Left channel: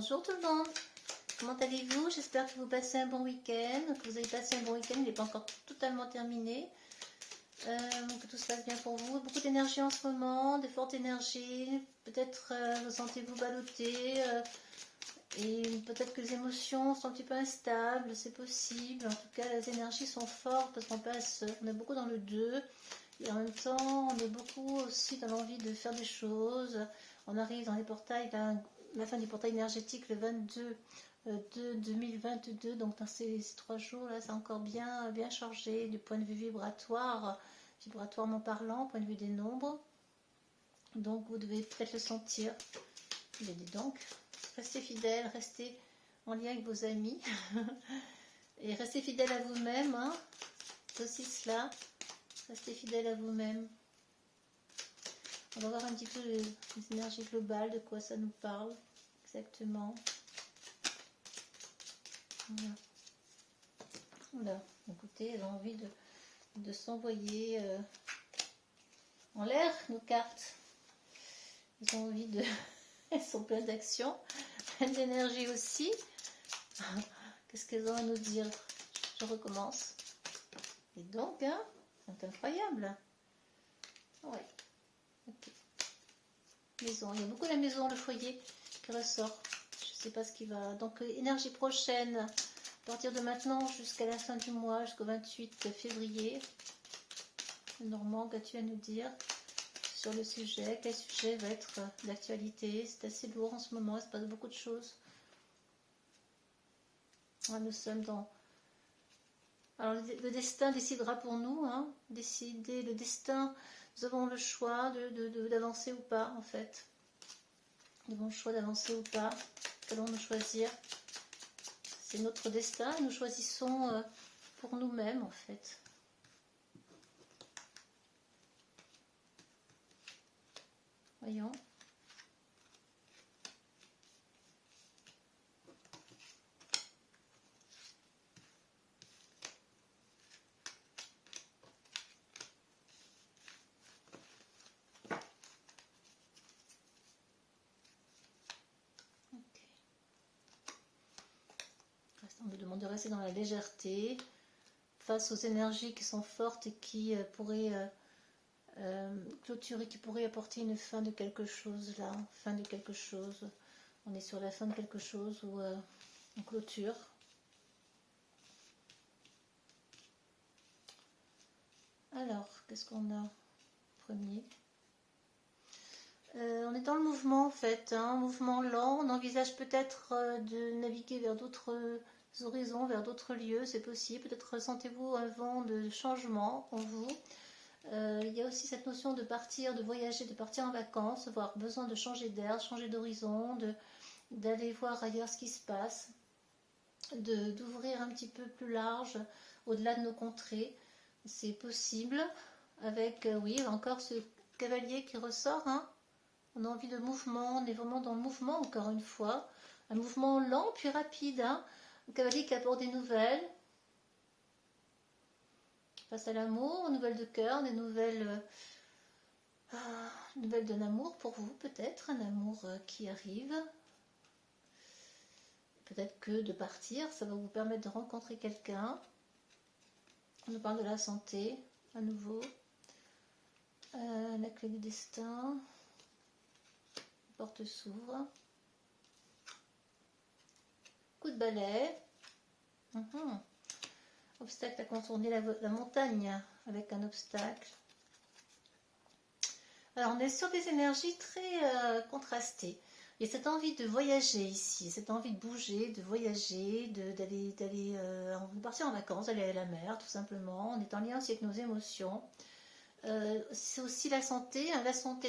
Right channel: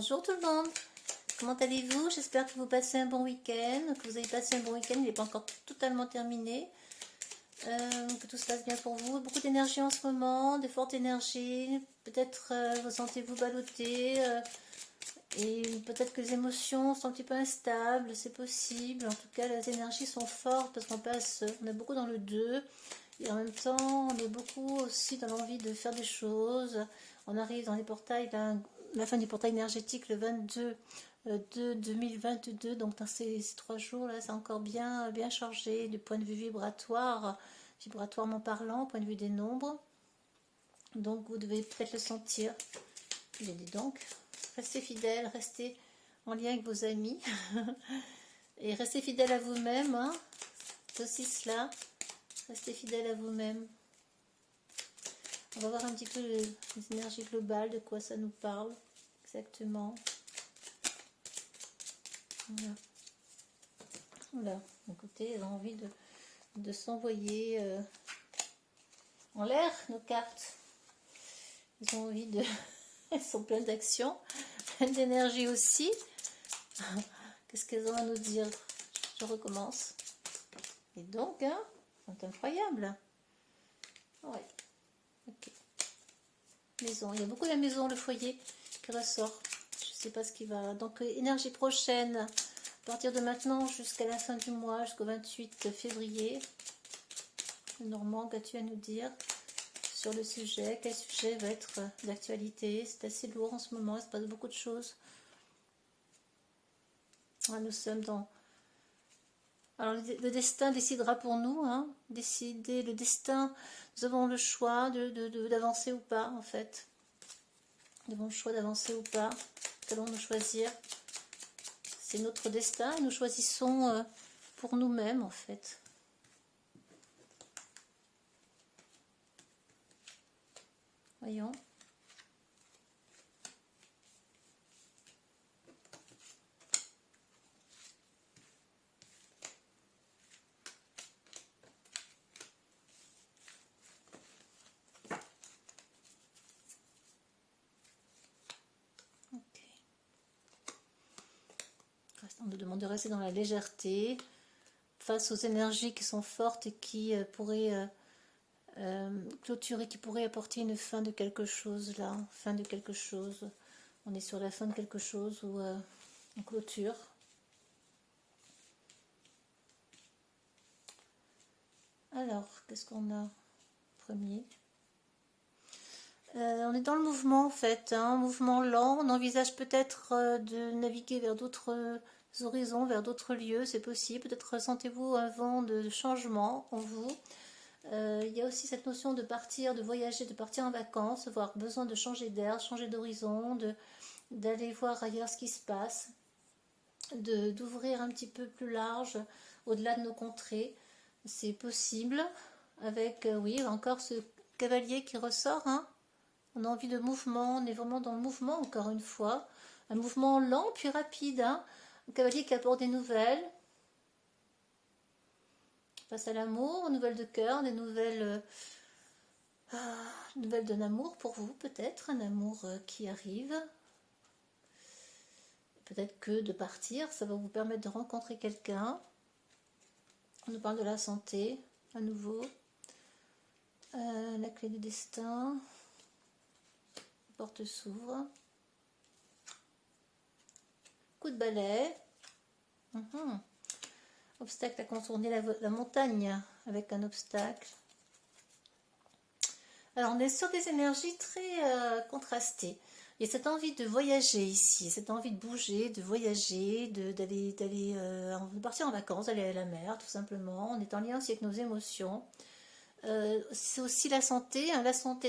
Bonjour tout le monde, comment allez-vous? J'espère que vous passez un bon week-end, que vous avez passé un bon week-end, il n'est pas encore totalement terminé, que tout se passe bien pour vous. Beaucoup d'énergie en ce moment, de fortes énergies, peut-être ressentez-vous balloter, et peut-être que les émotions sont un petit peu instables, c'est possible. En tout cas, les énergies sont fortes parce on est beaucoup dans le 2, et en même temps, on est beaucoup aussi dans l'envie de faire des choses. On arrive dans les portails, la fin du portail énergétique le 22 de 2022, donc dans ces 3 jours-là, c'est encore bien chargé du point de vue vibratoirement parlant, point de vue des nombres. Donc vous devez peut-être le sentir. Et dis donc, restez fidèles, restez en lien avec vos amis et restez fidèles à vous-même, hein. C'est aussi cela, restez fidèles à vous-même. On va voir un petit peu les énergies globales, de quoi ça nous parle exactement. Voilà. Voilà. Écoutez, elles ont envie de s'envoyer en l'air, nos cartes. Elles ont envie de... Elles sont pleines d'action, pleines d'énergie aussi. Qu'est-ce qu'elles ont à nous dire? Je recommence. Et donc, hein, c'est incroyable. Ouais. Ok. Maison. Il y a beaucoup la maison, le foyer qui ressort. Je ne sais pas ce qui va. Donc, énergie prochaine, à partir de maintenant jusqu'à la fin du mois, jusqu'au 28 février. Normand, qu'as-tu à nous dire sur le sujet? Quel sujet va être d'actualité? C'est assez lourd en ce moment, il se passe beaucoup de choses. Nous sommes dans... Alors, le destin décidera pour nous, hein. Décider le destin, nous avons le choix d'avancer ou pas, en fait. Nous avons le choix d'avancer ou pas. Qu'allons-nous choisir? C'est notre destin, nous choisissons pour nous-mêmes, en fait. Voyons. On nous demande de rester dans la légèreté face aux énergies qui sont fortes et qui pourraient clôturer, qui pourraient apporter une fin de quelque chose là, fin de quelque chose. On est sur la fin de quelque chose ou en clôture. Alors, qu'est-ce qu'on a premier? On est dans le mouvement en fait, hein, un mouvement lent. On envisage peut-être de naviguer vers d'autres horizons, vers d'autres lieux, c'est possible. Peut-être ressentez-vous un vent de changement en vous. Il y a aussi cette notion de partir, de voyager, de partir en vacances, avoir besoin de changer d'air, changer d'horizon, d'aller voir ailleurs ce qui se passe, d'ouvrir un petit peu plus large au-delà de nos contrées. C'est possible avec, oui, encore ce cavalier qui ressort, hein. On a envie de mouvement, on est vraiment dans le mouvement encore une fois. Un mouvement lent puis rapide, hein. Un cavalier qui apporte des nouvelles. Face à l'amour, aux nouvelles de cœur, des nouvelles d'un amour pour vous peut-être, un amour qui arrive. Peut-être que de partir, ça va vous permettre de rencontrer quelqu'un. On nous parle de la santé, à nouveau. La clé du destin. La porte s'ouvre. Coup de balai. Obstacle à contourner la montagne avec un obstacle. Alors, on est sur des énergies très contrastées. Il y a cette envie de voyager ici, cette envie de bouger, de voyager, de partir en vacances, d'aller à la mer, tout simplement. On est en lien aussi avec nos émotions. C'est aussi la santé, hein,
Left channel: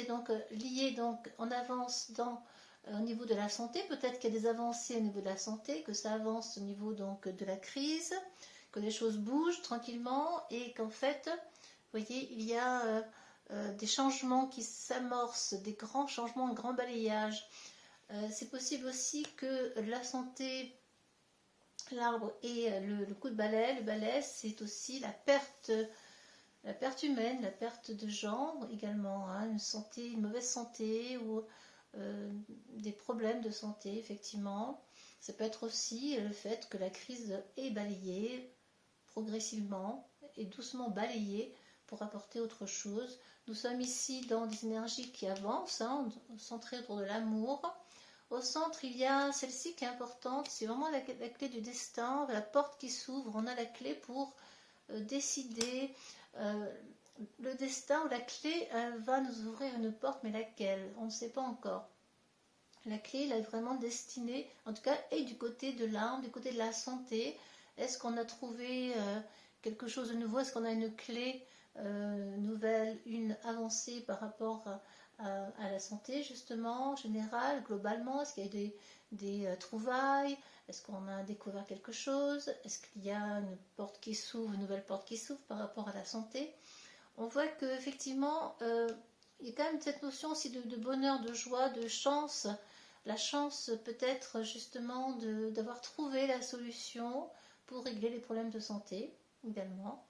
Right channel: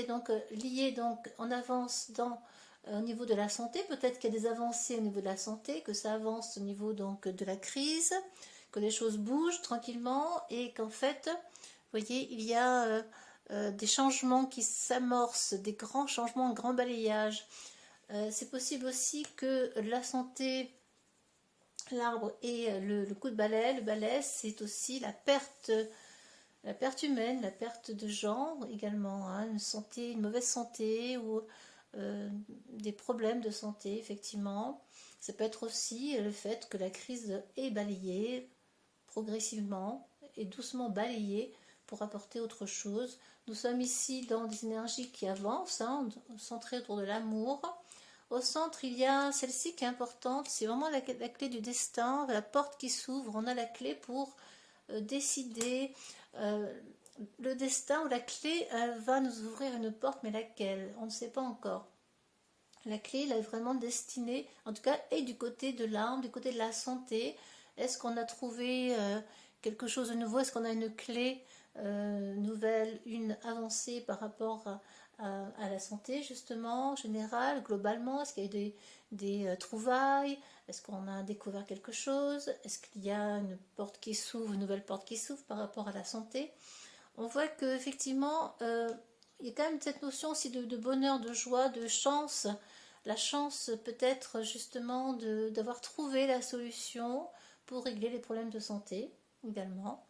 donc liée donc en avance au niveau de la santé. Peut-être qu'il y a des avancées au niveau de la santé, que ça avance au niveau donc de la crise, que les choses bougent tranquillement et qu'en fait, vous voyez, il y a des changements qui s'amorcent, des grands changements, un grand balayage. C'est possible aussi que la santé, l'arbre et le coup de balai, le balai, c'est aussi la perte humaine, la perte de gens également, hein, une mauvaise santé ou des problèmes de santé, effectivement. Ça peut être aussi le fait que la crise est balayée progressivement et doucement balayée pour apporter autre chose. Nous sommes ici dans des énergies qui avancent, hein, centrées autour de l'amour. Au centre, il y a celle-ci qui est importante, c'est vraiment la clé du destin, la porte qui s'ouvre. On a la clé pour décider. Le destin ou la clé va nous ouvrir une porte, mais laquelle? On ne sait pas encore. La clé, elle est vraiment destinée, en tout cas, et du côté de l'âme, du côté de la santé. Est-ce qu'on a trouvé quelque chose de nouveau? Est-ce qu'on a une clé nouvelle, une avancée par rapport à la santé, justement, en général, globalement? Est-ce qu'il y a des trouvailles? Est-ce qu'on a découvert quelque chose? Est-ce qu'il y a une porte qui s'ouvre, une nouvelle porte qui s'ouvre par rapport à la santé? On voit qu'effectivement, il y a quand même cette notion aussi de bonheur, de joie, de chance. La chance peut-être justement d'avoir trouvé la solution pour régler les problèmes de santé également.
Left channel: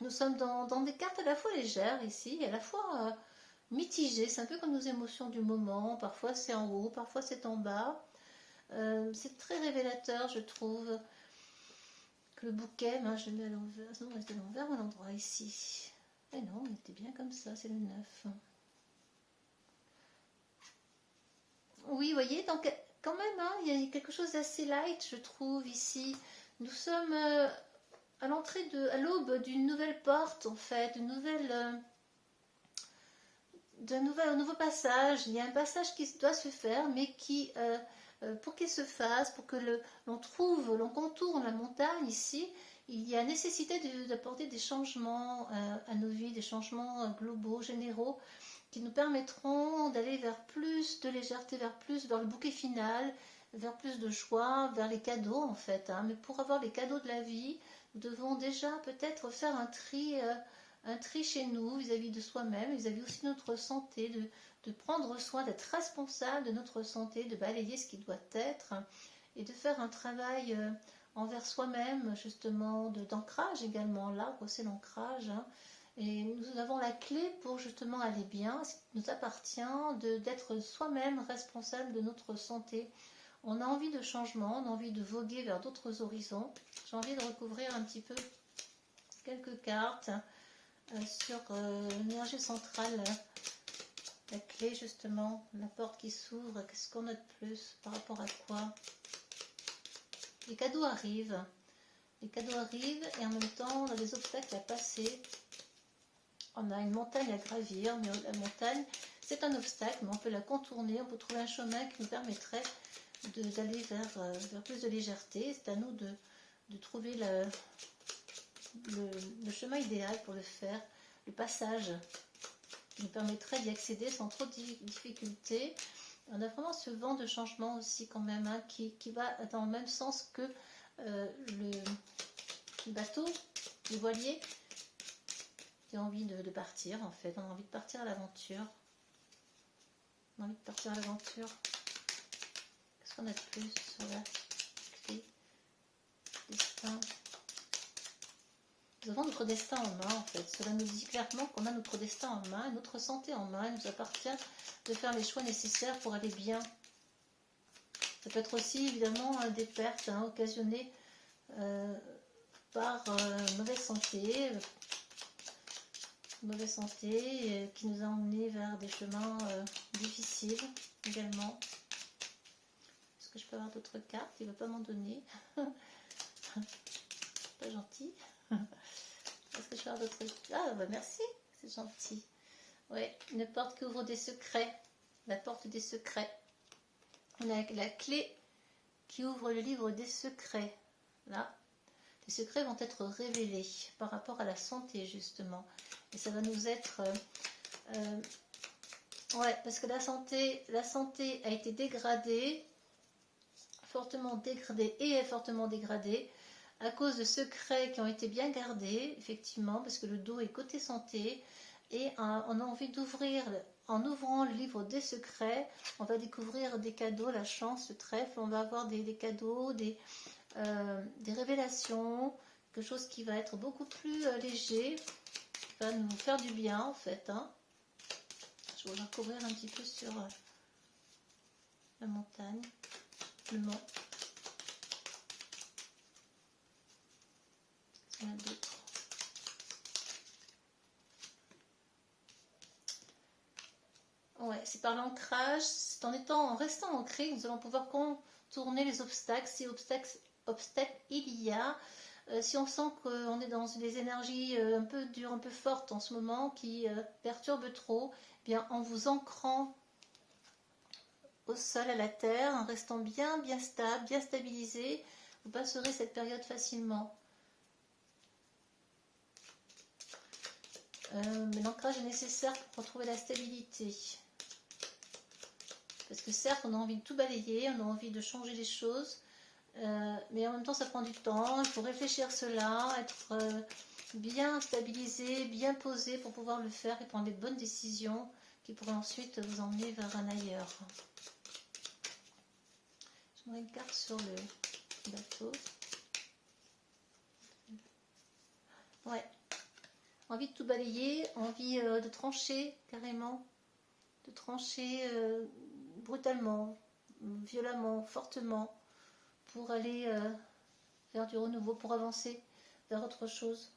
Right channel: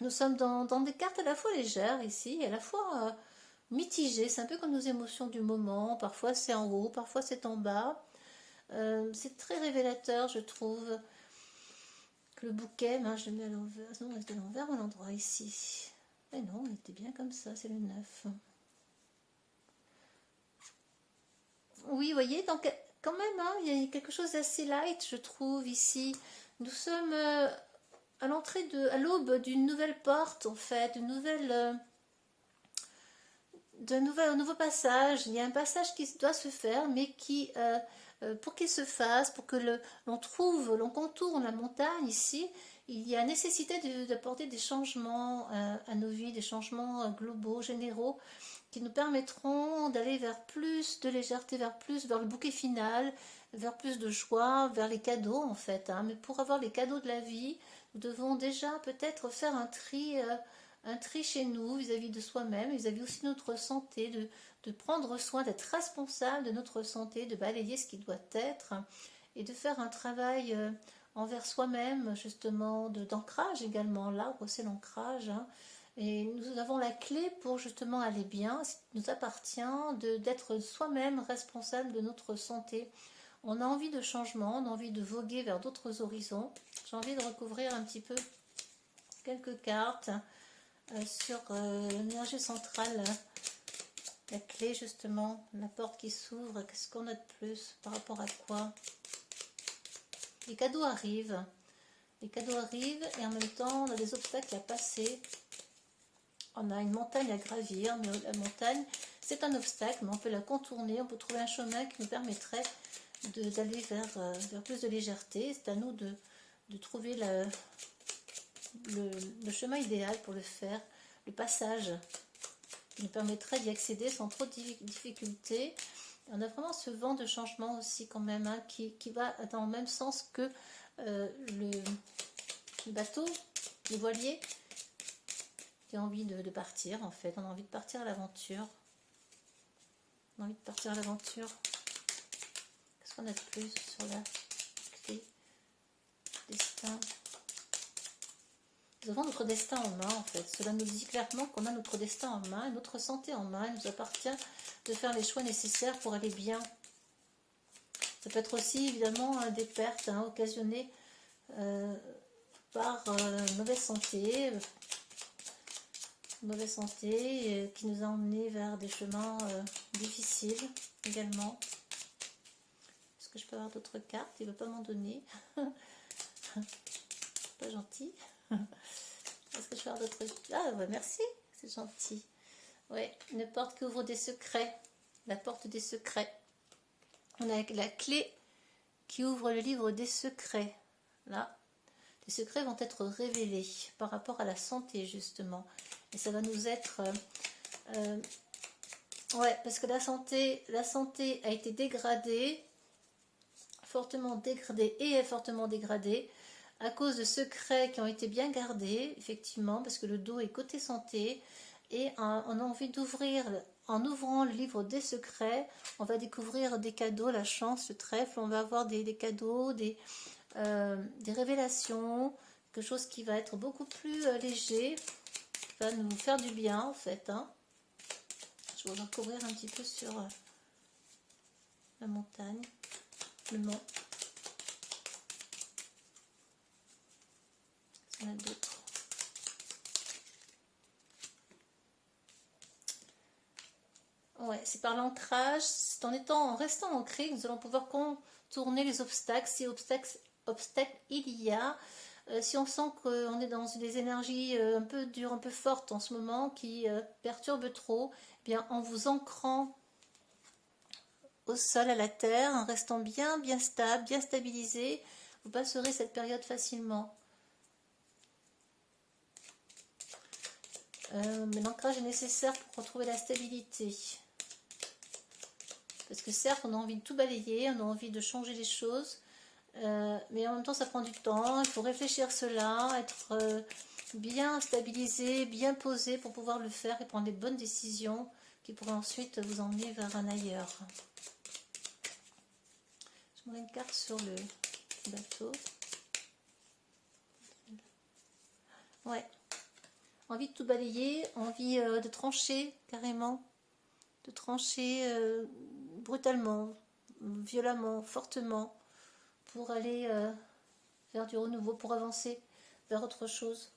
Nous sommes dans des cartes à la fois légères ici, et à la fois mitigées. C'est un peu comme nos émotions du moment. Parfois c'est en haut, parfois c'est en bas. C'est très révélateur, je trouve, que le bouquet, ben, je le mets à l'envers. Non, on reste à l'envers à l'endroit ici. Mais non, on était bien comme ça, c'est le 9. Oui, vous voyez, donc quand même, hein, il y a quelque chose d'assez light, je trouve, ici. Nous sommes à l'entrée à l'aube d'une nouvelle porte, en fait, un nouveau passage. Il y a un passage qui doit se faire, mais pour qu'il se fasse, pour que l'on contourne la montagne ici, il y a nécessité d'apporter des changements à nos vies, des changements globaux, généraux, qui nous permettront d'aller vers plus de légèreté, vers le bouquet final, vers plus de joie, vers les cadeaux en fait. Hein. Mais pour avoir les cadeaux de la vie, nous devons déjà peut-être faire un tri chez nous, vis-à-vis de soi-même, vis-à-vis aussi de notre santé, de prendre soin, d'être responsable de notre santé, de balayer ce qui doit être, et de faire un travail envers soi-même, justement, d'ancrage également. L'arbre, c'est l'ancrage. Hein. Et nous avons la clé pour justement aller bien. Il nous appartient d'être soi-même responsable de notre santé. On a envie de changement, on a envie de voguer vers d'autres horizons. J'ai envie de recouvrir un petit peu quelques cartes sur l'énergie centrale. La clé justement, la porte qui s'ouvre, qu'est-ce qu'on a de plus? Par rapport à quoi? Les cadeaux arrivent. Les cadeaux arrivent et en même temps on a des obstacles à passer. On a une montagne à gravir, mais la montagne, c'est un obstacle, mais on peut la contourner, on peut trouver un chemin qui nous permettrait d'aller vers plus de légèreté. C'est à nous de trouver le chemin idéal pour le faire, le passage qui nous permettrait d'y accéder sans trop de difficultés. On a vraiment ce vent de changement aussi quand même, hein, qui va dans le même sens que le bateau, le voilier. J'ai envie de partir en fait, on a envie de partir à l'aventure. On a envie de partir à l'aventure. Qu'est-ce qu'on a de plus sur la clé? Destin. Nous avons notre destin en main en fait. Cela nous dit clairement qu'on a notre destin en main, notre santé en main. Il nous appartient de faire les choix nécessaires pour aller bien. Ça peut être aussi évidemment des pertes occasionnées par une mauvaise santé. Mauvaise santé qui nous a emmenés vers des chemins difficiles également. Est-ce que je peux avoir d'autres cartes? Il ne veut pas m'en donner. Pas gentil. Est-ce que je peux avoir d'autres cartes? Ah bah merci, c'est gentil. Ouais, une porte qui ouvre des secrets. La porte des secrets. On a la clé qui ouvre le livre des secrets. Là, les secrets vont être révélés par rapport à la santé justement. Et ça va nous être... ouais, parce que la santé a été dégradée, fortement dégradée et est fortement dégradée à cause de secrets qui ont été bien gardés, effectivement, parce que le dos est côté santé. Et on a envie d'ouvrir, en ouvrant le livre des secrets, on va découvrir des cadeaux, la chance, le trèfle, on va avoir des cadeaux, des révélations, quelque chose qui va être beaucoup plus léger, qui va nous faire du bien en fait. Hein. Je vais recouvrir un petit peu sur la montagne, le mont. Il y en a d'autres. Ouais, c'est par l'ancrage, c'est en restant ancré que nous allons pouvoir contourner les obstacles, si obstacles il y a. Si on sent qu'on est dans des énergies un peu dures, un peu fortes en ce moment, qui perturbent trop, eh bien en vous ancrant au sol, à la terre, en restant bien stable, bien stabilisé, vous passerez cette période facilement. Mais l'ancrage est nécessaire pour retrouver la stabilité. Parce que certes, on a envie de tout balayer, on a envie de changer les choses, mais en même temps, ça prend du temps. Il faut réfléchir cela, être bien stabilisé, bien posé pour pouvoir le faire et prendre les bonnes décisions qui pourraient ensuite vous emmener vers un ailleurs. Je mets une carte sur le bateau. Ouais. Envie de tout balayer, envie de trancher carrément, de trancher brutalement, violemment, fortement, pour aller vers du renouveau, pour avancer vers autre chose.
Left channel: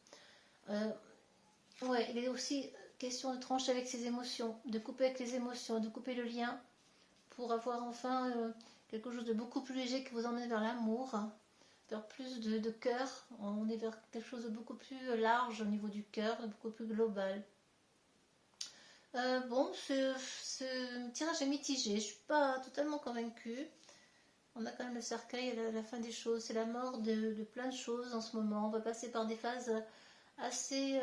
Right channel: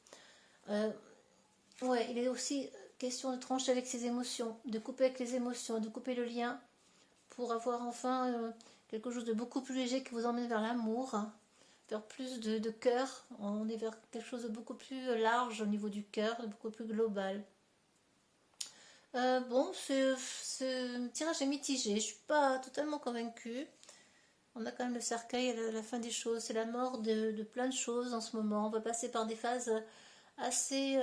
Ouais, il est aussi question de trancher avec ses émotions, de couper avec les émotions, de couper le lien, pour avoir enfin quelque chose de beaucoup plus léger qui vous emmène vers l'amour, vers plus de cœur. On est vers quelque chose de beaucoup plus large au niveau du cœur, beaucoup plus global. Bon, ce tirage est mitigé, je ne suis pas totalement convaincue. On a quand même le cercueil à la fin des choses, c'est la mort de plein de choses en ce moment. On va passer par des phases assez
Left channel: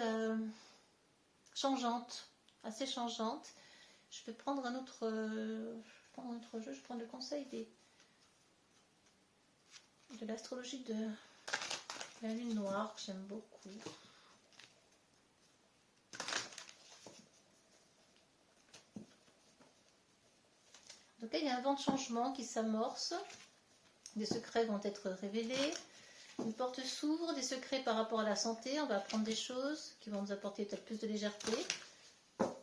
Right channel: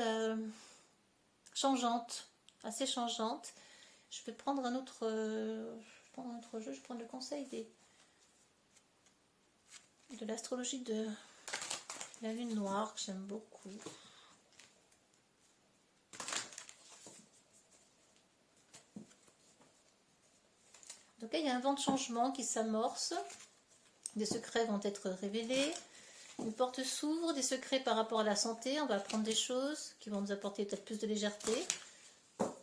changeantes, Je vais prendre un autre, jeu, je vais prendre le conseil de l'astrologie de la lune noire, que j'aime beaucoup. Donc là, il y a un vent de changement qui s'amorce. Des secrets vont être révélés. Une porte s'ouvre, des secrets par rapport à la santé. On va apprendre des choses qui vont nous apporter peut-être plus de légèreté. On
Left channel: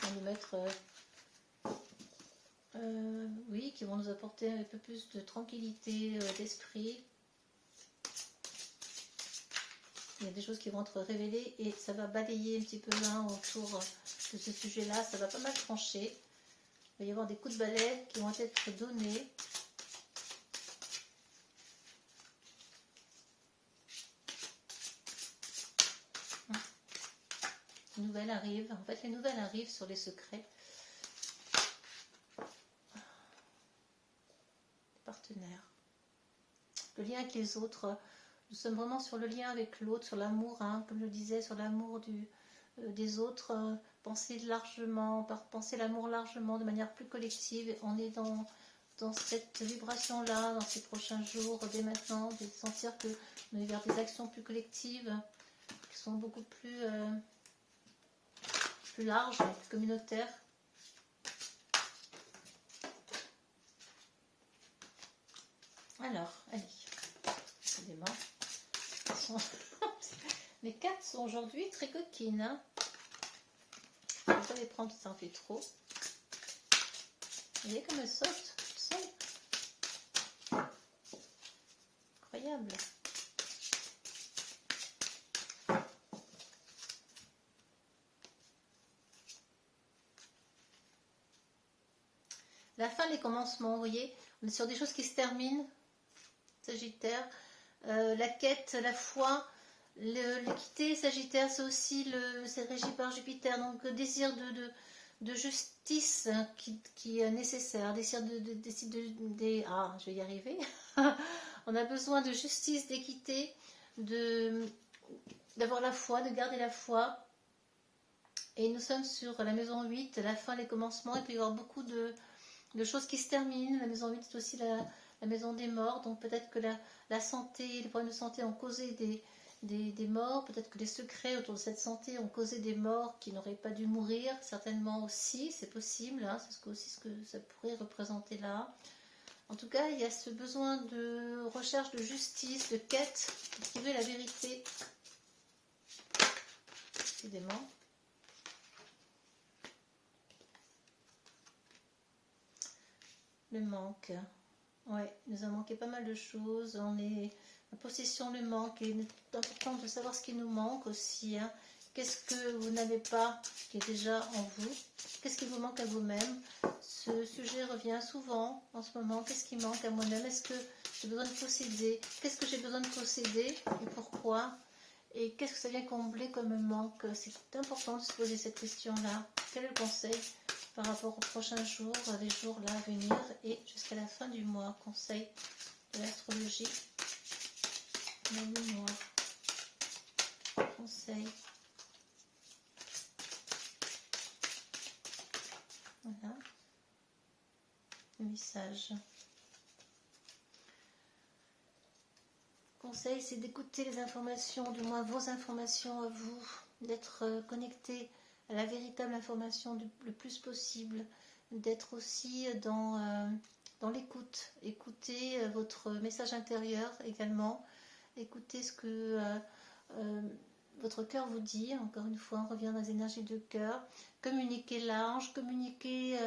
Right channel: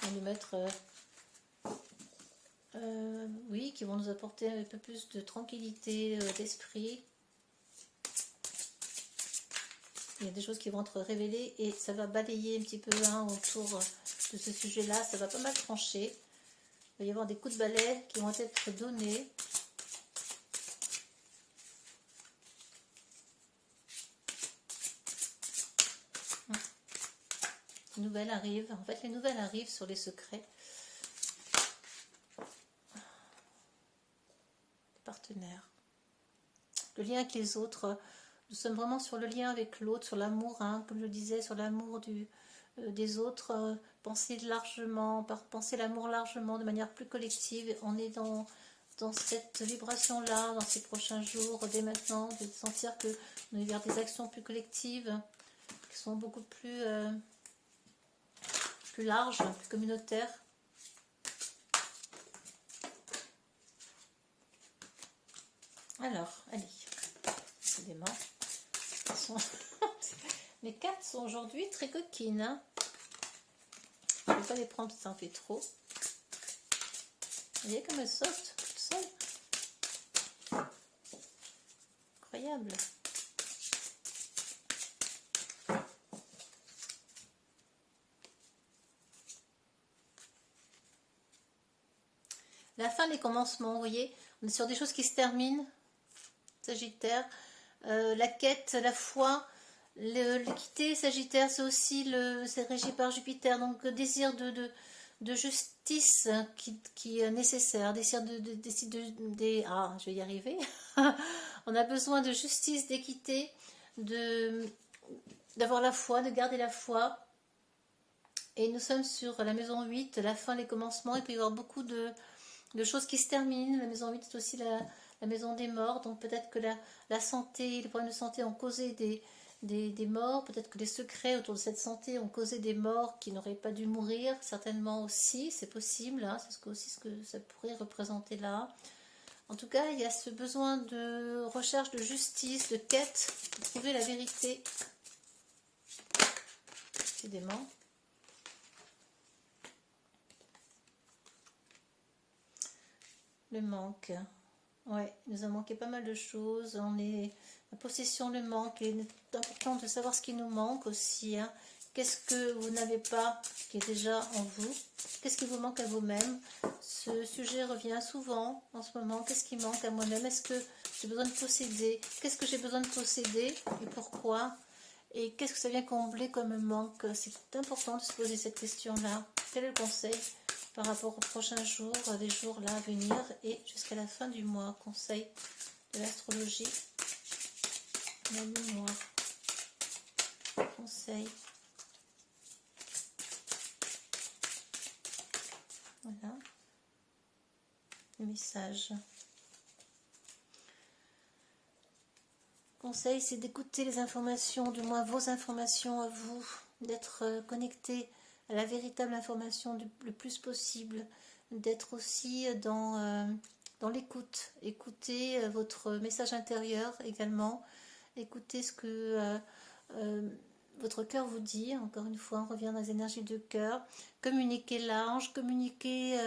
va nous mettre... oui, qui vont nous apporter un peu plus de tranquillité d'esprit. Il y a des choses qui vont être révélées et ça va balayer un petit peu autour de ce sujet-là. Ça va pas mal trancher. Il va y avoir des coups de balai qui vont être donnés. Les nouvelles arrivent. En fait, les nouvelles arrivent sur les secrets. Les partenaires. Le lien avec les autres. Nous sommes vraiment sur le lien avec l'autre, sur l'amour, comme je disais, sur l'amour des autres. Penser largement, penser l'amour largement, de manière plus collective. On est dans cette vibration-là, dans ces prochains jours, dès maintenant, de sentir que on est vers des actions plus collectives, qui sont beaucoup plus larges, plus communautaires. Alors, allez, décidément. Les cartes sont aujourd'hui très coquines. Je ne vais pas les prendre, ça en fait trop. Vous voyez comme elles sautent toutes seules. Incroyable. La fin des commencements, vous voyez, on est sur des choses qui se terminent. Sagittaire. La quête, la foi, l'équité, Sagittaire, c'est aussi c'est régi par Jupiter, donc le désir de justice qui est nécessaire, désir je vais y arriver. On a besoin de justice, d'équité, d'avoir la foi, de garder la foi. Et nous sommes sur la maison 8, la fin, les commencements, il peut y avoir beaucoup de choses qui se terminent. La maison 8, c'est aussi la maison des morts, donc peut-être que la santé, les problèmes de santé ont causé des morts, peut-être que les secrets autour de cette santé ont causé des morts qui n'auraient pas dû mourir, certainement aussi, c'est possible, c'est aussi ce que ça pourrait représenter là. En tout cas, il y a ce besoin de recherche de justice, de quête, de trouver la vérité, décidément. Le manque. Ouais, il nous a manqué pas mal de choses. On est en possession du manque. Il est important de savoir ce qui nous manque aussi. Hein. Qu'est-ce que vous n'avez pas qui est déjà en vous? Qu'est-ce qui vous manque à vous-même? Ce sujet revient souvent en ce moment. Qu'est-ce qui manque à moi-même? Est-ce que j'ai besoin de posséder? Qu'est-ce que j'ai besoin de posséder et pourquoi? Et qu'est-ce que ça vient combler comme manque? C'est important de se poser cette question-là. Quel est le conseil par rapport aux prochains jours, les jours là à venir et jusqu'à la fin du mois? Conseil de l'astrologie. La mémoire. Conseil. Voilà. Le message. Conseil, c'est d'écouter les informations, du moins vos informations à vous, d'être connecté à la véritable information le plus possible, d'être aussi dans l'écoute. Écoutez votre message intérieur également, écoutez ce que votre cœur vous dit. Encore une fois, on revient dans les énergies de cœur. Communiquez large, communiquez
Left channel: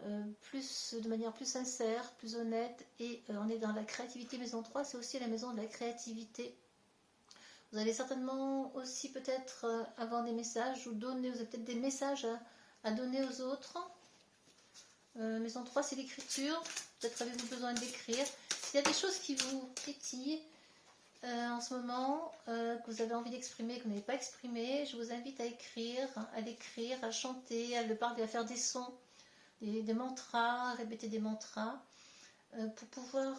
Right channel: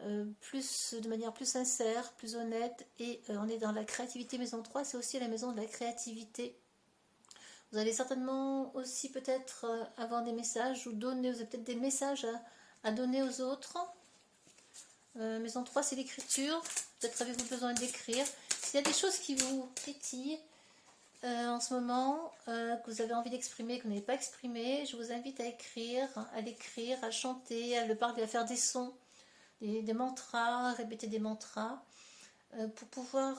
de manière plus sincère, plus honnête, et on est dans la créativité. Maison 3, c'est aussi la maison de la créativité. Vous allez certainement aussi peut-être avoir des messages ou donner, vous avez peut-être des messages à donner aux autres. Maison 3, c'est l'écriture. Peut-être avez-vous besoin d'écrire. S'il y a des choses qui vous titillent en ce moment, que vous avez envie d'exprimer, que vous n'avez pas exprimé, je vous invite à l'écrire, à chanter, à le parler, à faire des sons. Des mantras, répéter des mantras pour pouvoir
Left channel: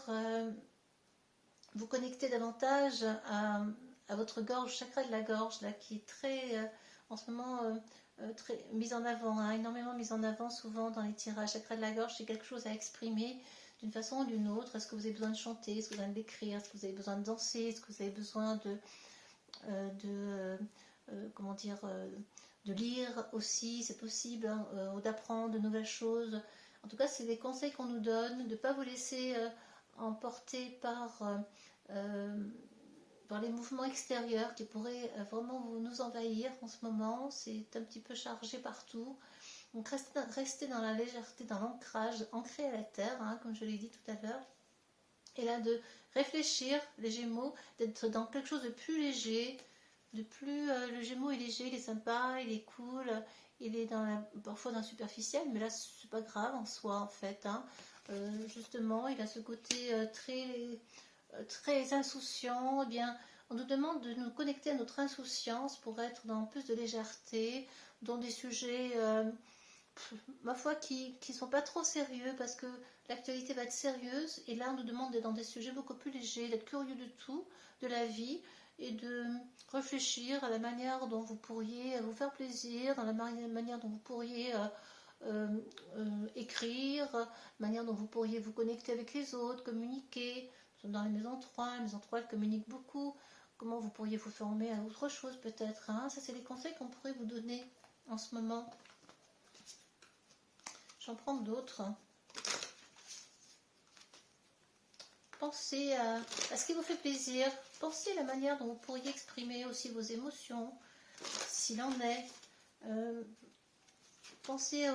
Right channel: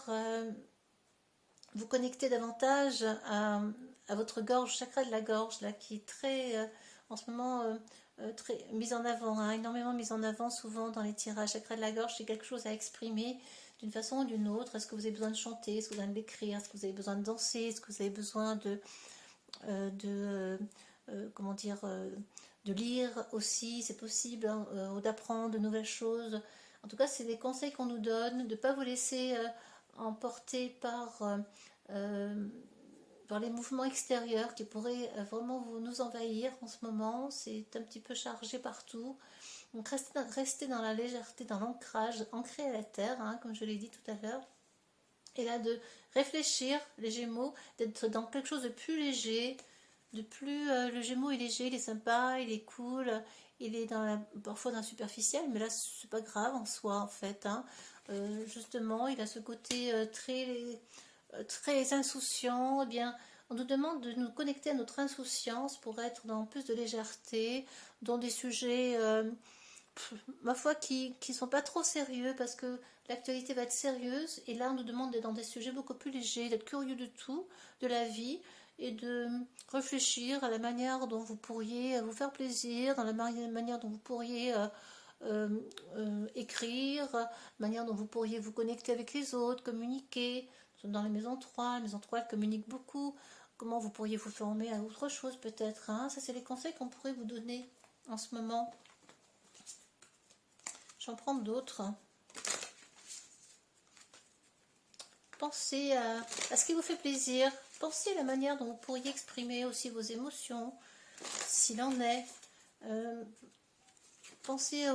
vous connecter davantage à votre gorge, chakra de la gorge, là, qui est très, en ce moment, très mise en avant, hein, énormément mise en avant souvent dans les tirages. Chakra de la gorge, c'est quelque chose à exprimer d'une façon ou d'une autre. Est-ce que vous avez besoin de chanter? Est-ce que vous avez besoin d'écrire? Est-ce que vous avez besoin de danser? Est-ce que vous avez besoin comment dire, de lire aussi, c'est possible, hein, ou d'apprendre de nouvelles choses. En tout cas, c'est des conseils qu'on nous donne, de ne pas vous laisser emporter par les mouvements extérieurs qui pourraient vraiment nous envahir en ce moment. C'est un petit peu chargé partout. Donc restez dans la légèreté, dans l'ancrage, ancré à la terre, hein, comme je l'ai dit tout à l'heure. Et là, de réfléchir, les Gémeaux, d'être dans quelque chose de plus léger, le Gémeaux est léger, il est sympa, il est cool, il est parfois dans le superficiel, mais là c'est pas grave en soi en fait. Hein. Justement, il a ce côté très insouciant. Eh bien, on nous demande de nous connecter à notre insouciance pour être dans plus de légèreté, dans des sujets, ma foi, qui ne sont pas trop sérieux parce que l'actualité va être sérieuse. Et là, on nous demande d'être dans des sujets beaucoup plus légers, d'être curieux de tout, de la vie, et de réfléchir à la manière dont vous pourriez vous faire plaisir, dans la manière dont vous pourriez écrire, la manière dont vous pourriez vous connecter avec les autres, communiquer. Dans la maison 3, la maison 3 elle communique beaucoup. Comment vous pourriez vous former à autre chose peut-être. Hein. Ça, c'est les conseils qu'on pourrait vous donner en ce moment. J'en prends d'autres. Pensez à ce qui vous fait plaisir. Pensez à la manière dont vous pourriez exprimer aussi vos émotions, s'il en est. Pensez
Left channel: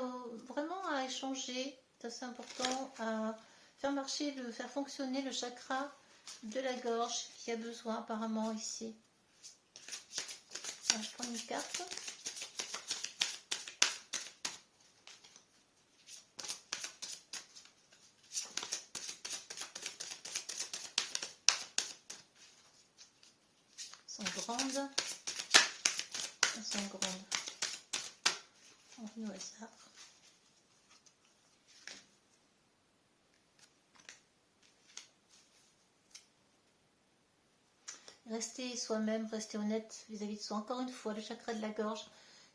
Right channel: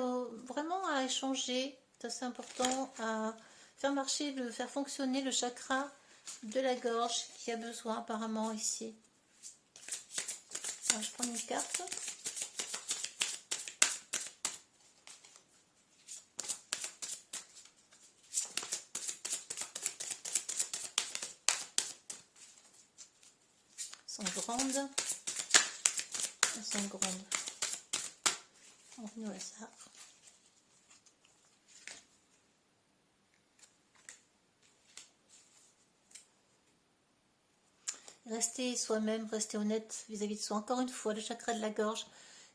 vraiment à échanger. C'est assez important, à faire fonctionner le chakra de la gorge qui a besoin apparemment ici. Alors, je prends une carte. Elles sont grandes. Elles sont grandes. On remet au hasard. Restez soi-même, restez honnête vis-à-vis de soi. Encore une fois, le chakra de la gorge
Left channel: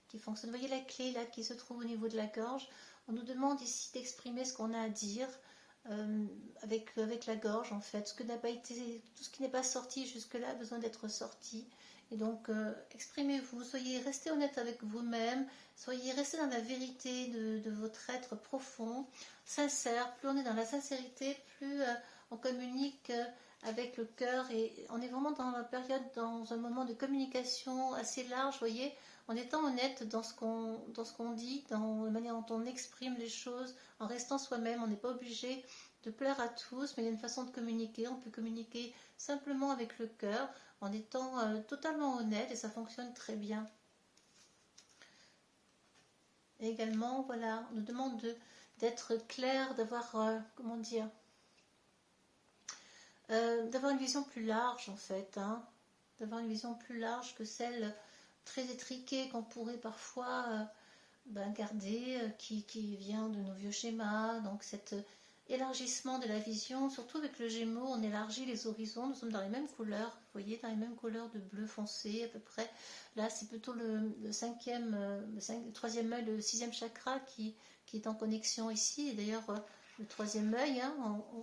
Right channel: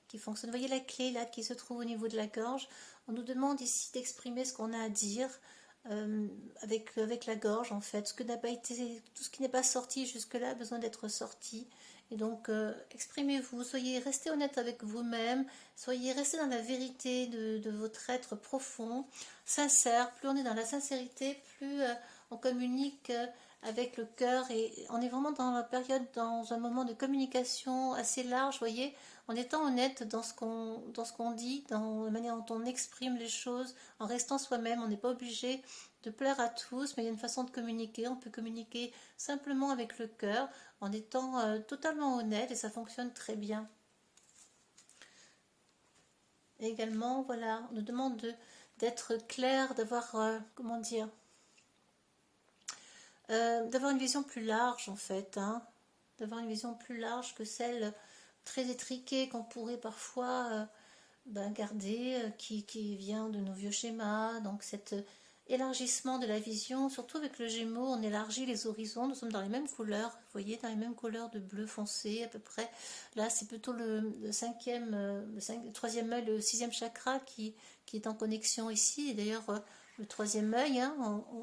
qui fonctionne. Vous voyez la clé là qui se trouve au niveau de la gorge. On nous demande ici d'exprimer ce qu'on a à dire avec la gorge en fait. Ce que n'a pas été, tout ce qui n'est pas sorti jusque-là a besoin d'être sorti. Et donc, exprimez-vous, restez honnête avec vous-même, restez dans la vérité de votre être profond, sincère. Plus on est dans la sincérité, plus on communique avec le cœur, et on est vraiment dans la période, dans un moment de communication assez large, vous voyez, en étant honnête dans ce qu'on dit, dans la manière dont on exprime les choses, en restant soi-même. On n'est pas obligé de plaire à tous, mais il y a une façon de communiquer. On peut communiquer simplement avec le cœur, en étant totalement honnête, et ça fonctionne très bien. Et également, voilà, on nous demande d'être clair, d'avoir, comment dire, d'avoir une vision plus large en fait, hein, d'avoir une vision plus large que celle très étriquée qu'on pourrait parfois garder, qui vient de nos vieux schémas. Donc cet élargissement de la vision, surtout avec le Gémeaux, on élargit les horizons, nous sommes dans les mêmes couleurs, vous voyez, dans les mêmes couleurs de bleu foncé à peu près. Là c'est plutôt le troisième œil, le sixième chakra qui est en connexion ici, et d'ailleurs le troisième œil, hein,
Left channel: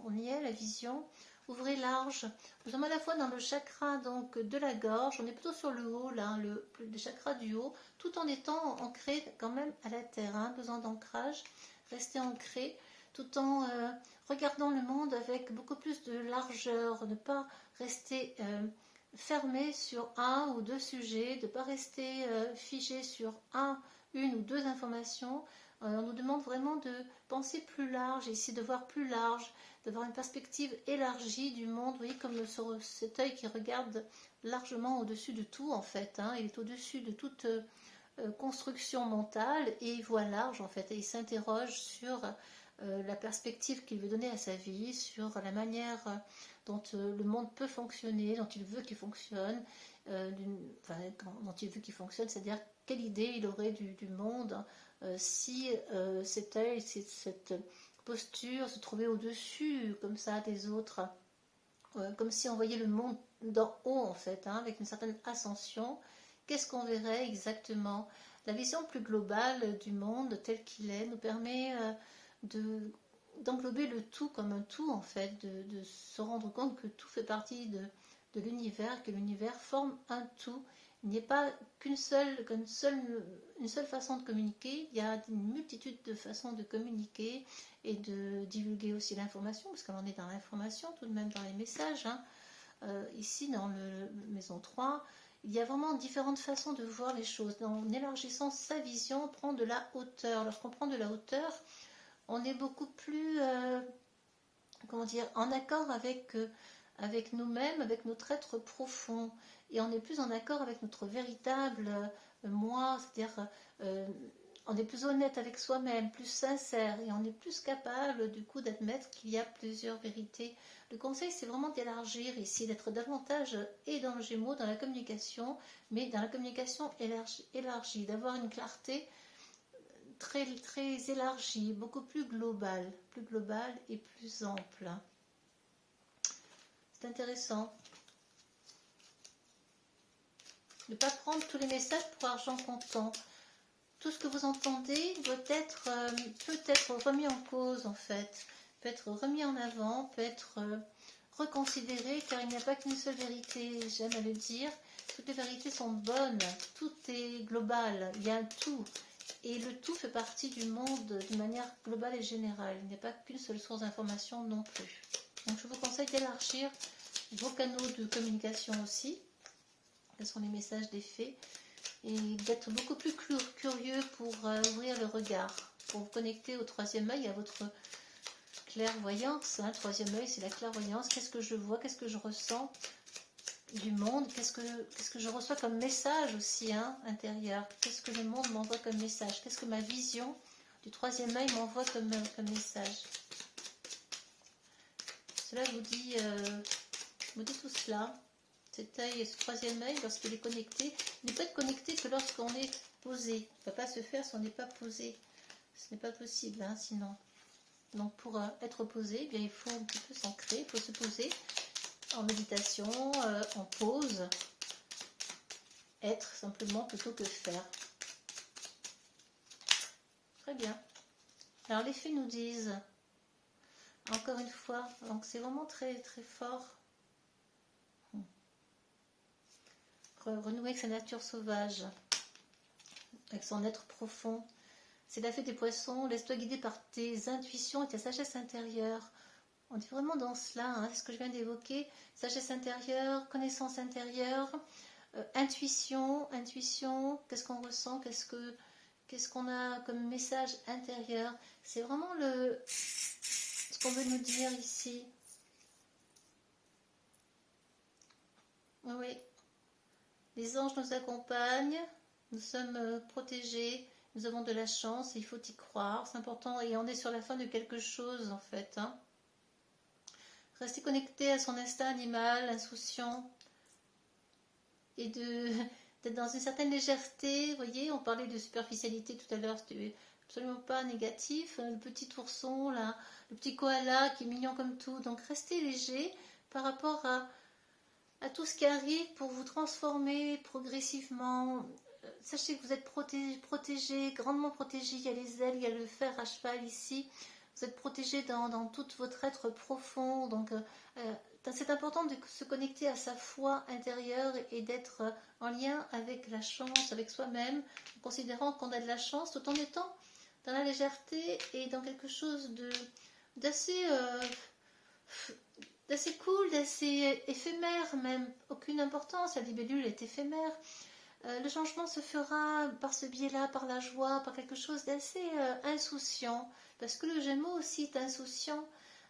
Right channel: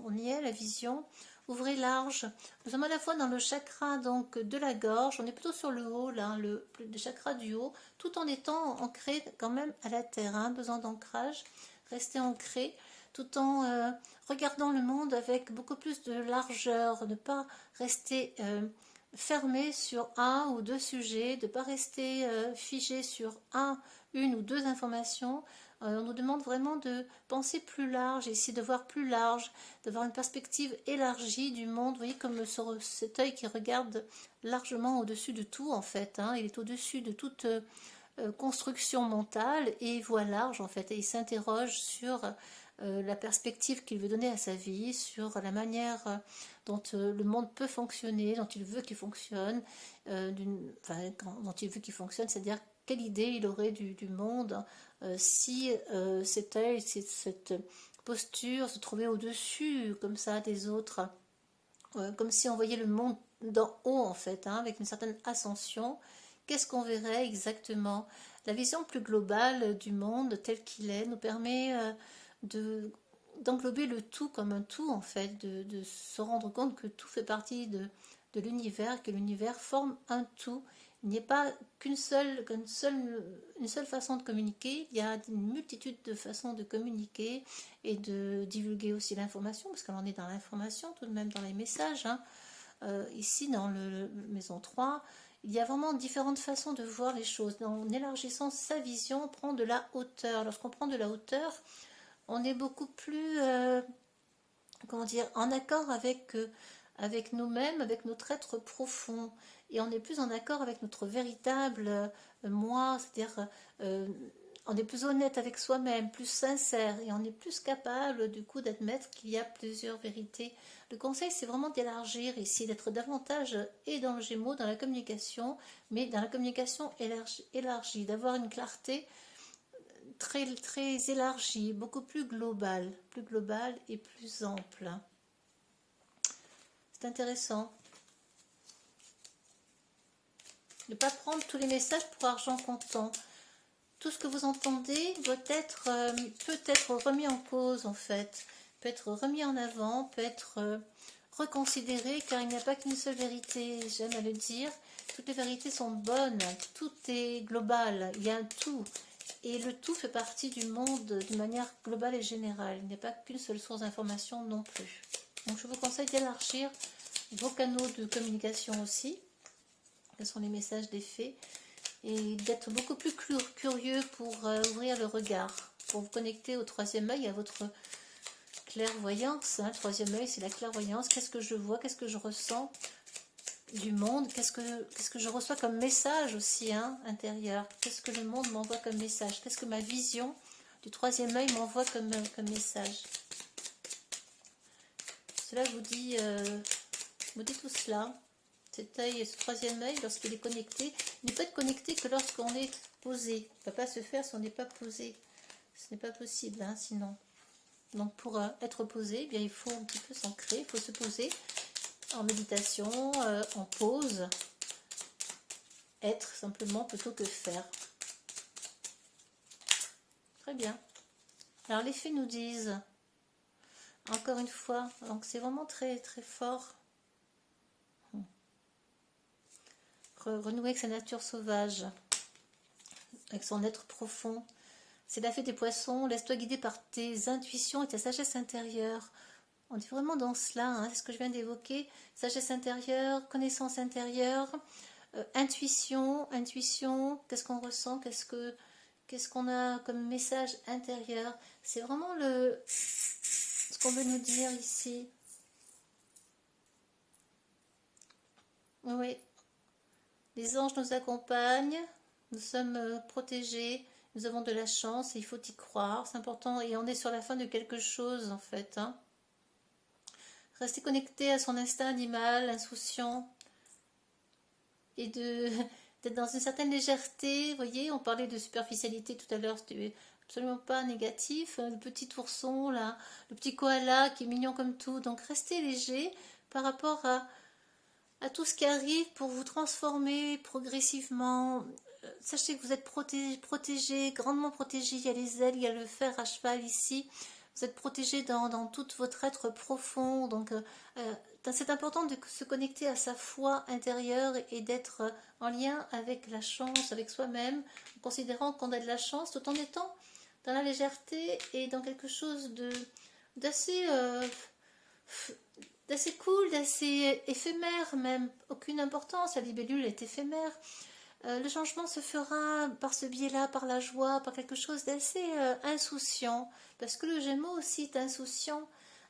on y est, la vision. Ouvrez large. Nous sommes à la fois dans le chakra donc de la gorge, on est plutôt sur le haut, là, le chakra du haut, tout en étant ancré quand même à la terre, hein, besoin d'ancrage, rester ancré, tout en regardant le monde avec beaucoup plus de largeur, ne pas rester fermé sur un ou deux sujets, de ne pas rester figé sur une ou deux informations. On nous demande vraiment de penser plus large, ici de voir plus large, d'avoir une perspective élargie du monde. Vous voyez, comme cet œil qui regarde largement au-dessus de tout en fait, hein. Il est au-dessus de toute construction mentale et voit large en fait, et il s'interroge sur la perspective qu'il veut donner à sa vie, sur la manière dont le monde peut fonctionner, dont il veut qu'il fonctionne, dont il veut qu'il fonctionne, c'est-à-dire quelle idée il aurait du monde si cet œil, cette posture se trouvait au-dessus comme ça des autres, comme si on voyait le monde d'en haut en fait, hein, avec une certaine ascension. Qu'est-ce qu'on verrait exactement? La vision plus globale du monde tel qu'il est nous permet d'englober le tout comme un tout en fait, de se rendre compte que tout fait partie de l'univers, que l'univers forme un tout. Il n'y a pas une seule façon de communiquer, il y a une multitude de façons de communiquer et de divulguer aussi l'information, parce qu'on est dans l'information tout de même, dans les messages, hein. Ici dans le maison 3, il y a vraiment différentes façons de voir les choses. En élargissant sa vision, on prend de la hauteur. Lorsqu'on prend de la hauteur, on est beaucoup plus comment dire, en accord avec nous-mêmes, avec notre être profond, et on est plus en accord avec notre véritable moi, c'est-à-dire on est plus honnête avec soi-même, plus sincère, et on est plus capable du coup d'admettre qu'il y a plusieurs vérités. Le conseil, c'est vraiment d'élargir ici, d'être davantage et dans le Gémeaux, dans la communication, mais dans la communication élargie, d'avoir une clarté très, très élargie, beaucoup plus globale et plus ample. C'est intéressant. Ne pas prendre tous les messages pour argent comptant. Tout ce que vous entendez doit être, peut être remis en cause en fait, peut être remis en avant, peut être reconsidéré, car il n'y a pas qu'une seule vérité, j'aime à le dire. Toutes les vérités sont bonnes, tout est global, il y a un tout. Et le tout fait partie du monde d'une manière globale et générale. Il n'y a pas qu'une seule source d'information non plus. Donc je vous conseille d'élargir vos canaux de communication aussi, que sont les messages des fées, et d'être beaucoup plus curieux pour ouvrir le regard, pour vous connecter au troisième œil, à votre clairvoyance. Hein. Le troisième œil, c'est la clairvoyance. Qu'est-ce que je vois, qu'est-ce que je ressens du monde, qu'est-ce que je reçois comme message aussi, hein, intérieur, qu'est-ce que le monde m'envoie comme message, qu'est-ce que ma vision du troisième œil m'envoie comme message. Cela vous dit tout cela. Cet œil, ce troisième œil, lorsqu'il est connecté, il ne peut être connecté que lorsqu'on est posé. Il ne va pas se faire si on n'est pas posé. Ce n'est pas possible, hein, sinon. Donc pour être posé, eh bien, il faut un petit peu s'ancrer, il faut se poser en méditation, en pause, être simplement plutôt que faire. Très bien. Alors les fées nous disent, encore une fois, donc c'est vraiment très très fort. Renouer avec sa nature sauvage, avec son être profond. C'est la fée des poissons, laisse-toi guider par tes intuitions et ta sagesse intérieure. On est vraiment dans cela, hein, c'est ce que je viens d'évoquer. Sagesse intérieure, connaissance intérieure, intuition, qu'est-ce qu'on ressent, qu'est-ce qu'on a comme message intérieur. C'est vraiment ce qu'on veut nous dire ici. Oui, les anges nous accompagnent, nous sommes protégés, nous avons de la chance, et il faut y croire, c'est important, et on est sur la fin de quelque chose en fait. Hein. Rester connecté à son instinct animal, insouciant, et d'être dans une certaine légèreté. Vous voyez, on parlait de superficialité tout à l'heure, c'était absolument pas négatif. Le petit ourson, là, le petit koala qui est mignon comme tout. Donc restez léger par rapport à tout ce qui arrive pour vous transformer progressivement. Sachez que vous êtes protégé, grandement protégé. Il y a les ailes, il y a le fer à cheval ici. Vous êtes protégé dans tout votre être profond. Donc, c'est important de se connecter à sa foi intérieure et d'être en lien avec la chance, avec soi-même, en considérant qu'on a de la chance tout en étant dans la légèreté et dans quelque chose d'assez cool, d'assez éphémère même. Aucune importance, la libellule est éphémère. Le changement se fera par ce biais-là, par la joie, par quelque chose d'assez insouciant. Parce que le Gémeaux aussi est insouciant.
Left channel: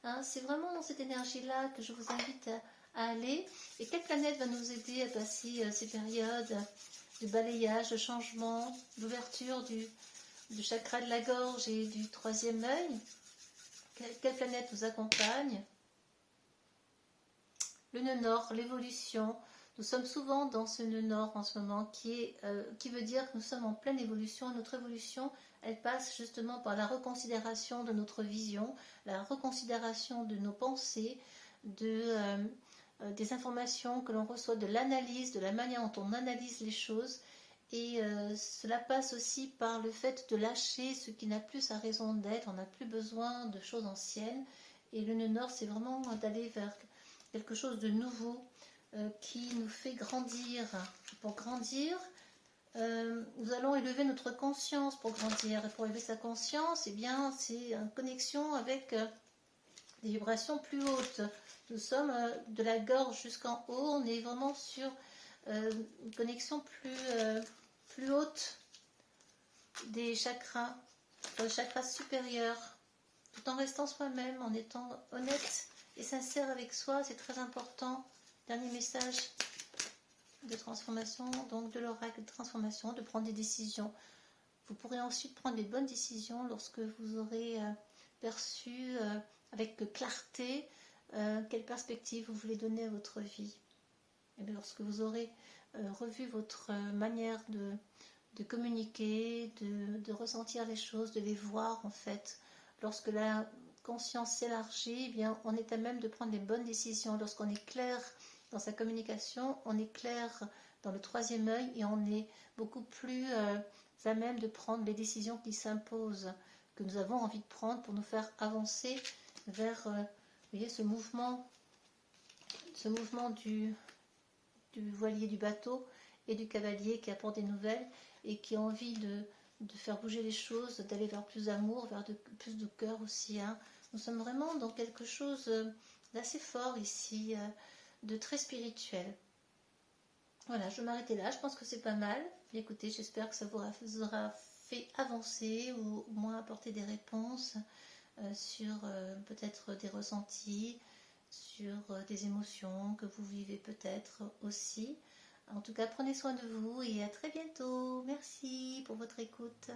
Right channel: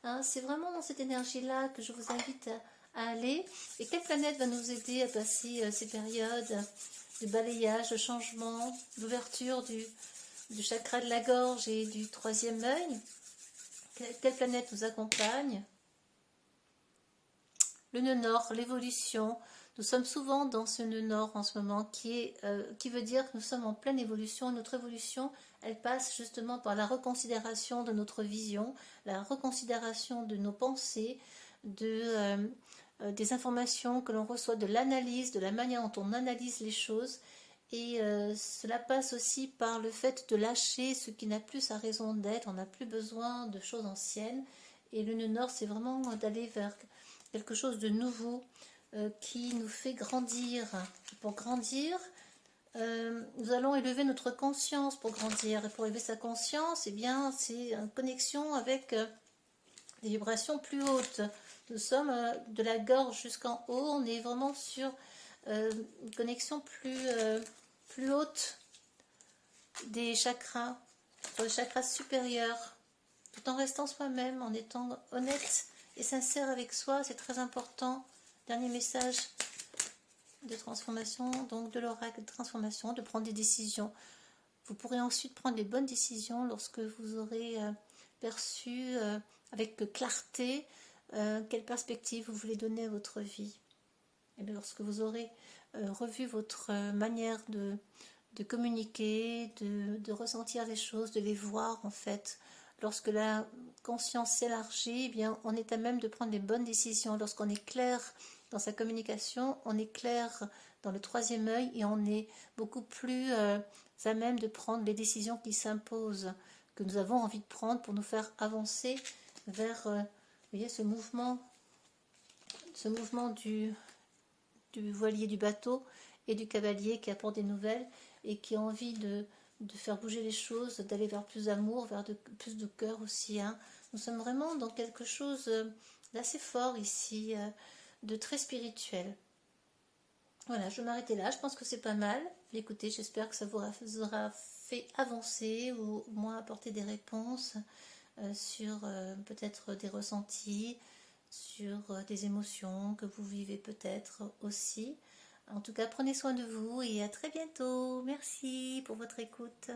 Hein, c'est vraiment dans cette énergie-là que je vous invite à aller. Et quelle planète va nous aider à passer ces périodes de balayage, de changement, d'ouverture du chakra de la gorge et du troisième œil? Quelle planète nous accompagne? Le nœud nord, l'évolution. Nous sommes souvent dans ce nœud nord en ce moment qui veut dire que nous sommes en pleine évolution. Notre évolution, elle passe justement par la reconsidération de notre vision, la reconsidération de nos pensées, des informations que l'on reçoit, de l'analyse, de la manière dont on analyse les choses. Et cela passe aussi par le fait de lâcher ce qui n'a plus sa raison d'être. On n'a plus besoin de choses anciennes. Et le nœud nord, c'est vraiment d'aller vers quelque chose de nouveau qui nous fait grandir. Pour grandir, nous allons élever notre conscience pour grandir. Et pour élever sa conscience, eh bien, c'est en connexion avec des vibrations plus hautes. Nous sommes de la gorge jusqu'en haut, on est vraiment sur une connexion plus haute des chakras, le chakra supérieur, tout en restant soi-même, en étant honnête et sincère avec soi, c'est très important. Dernier message de transformation, donc de l'oracle de transformation, de prendre des décisions. Vous pourrez ensuite prendre les bonnes décisions lorsque vous aurez perçu avec clarté quelle perspective vous voulez donner à votre vie. Et lorsque vous aurez revu votre manière de communiquer, de ressentir les choses, de les voir en fait. Lorsque la conscience s'élargit, eh bien, on est à même de prendre les bonnes décisions. Lorsqu'on est clair dans sa communication, on est clair dans le troisième œil et on est beaucoup plus à même de prendre les décisions qui s'imposent, que nous avons envie de prendre pour nous faire avancer vers vous voyez, ce mouvement du voilier du bateau et du cavalier qui apporte des nouvelles et qui a envie de faire bouger les choses, d'aller vers plus d'amour, vers plus de cœur aussi. Hein. Nous sommes vraiment dans quelque chose d'assez fort ici, de très spirituel. Voilà, je vais m'arrêter là, je pense que c'est pas mal. Écoutez, j'espère que ça vous aura fait avancer ou au moins apporter des réponses sur peut-être des ressentis, sur des émotions que vous vivez peut-être aussi. En tout cas, prenez soin de vous et à très bientôt. Merci pour votre écoute.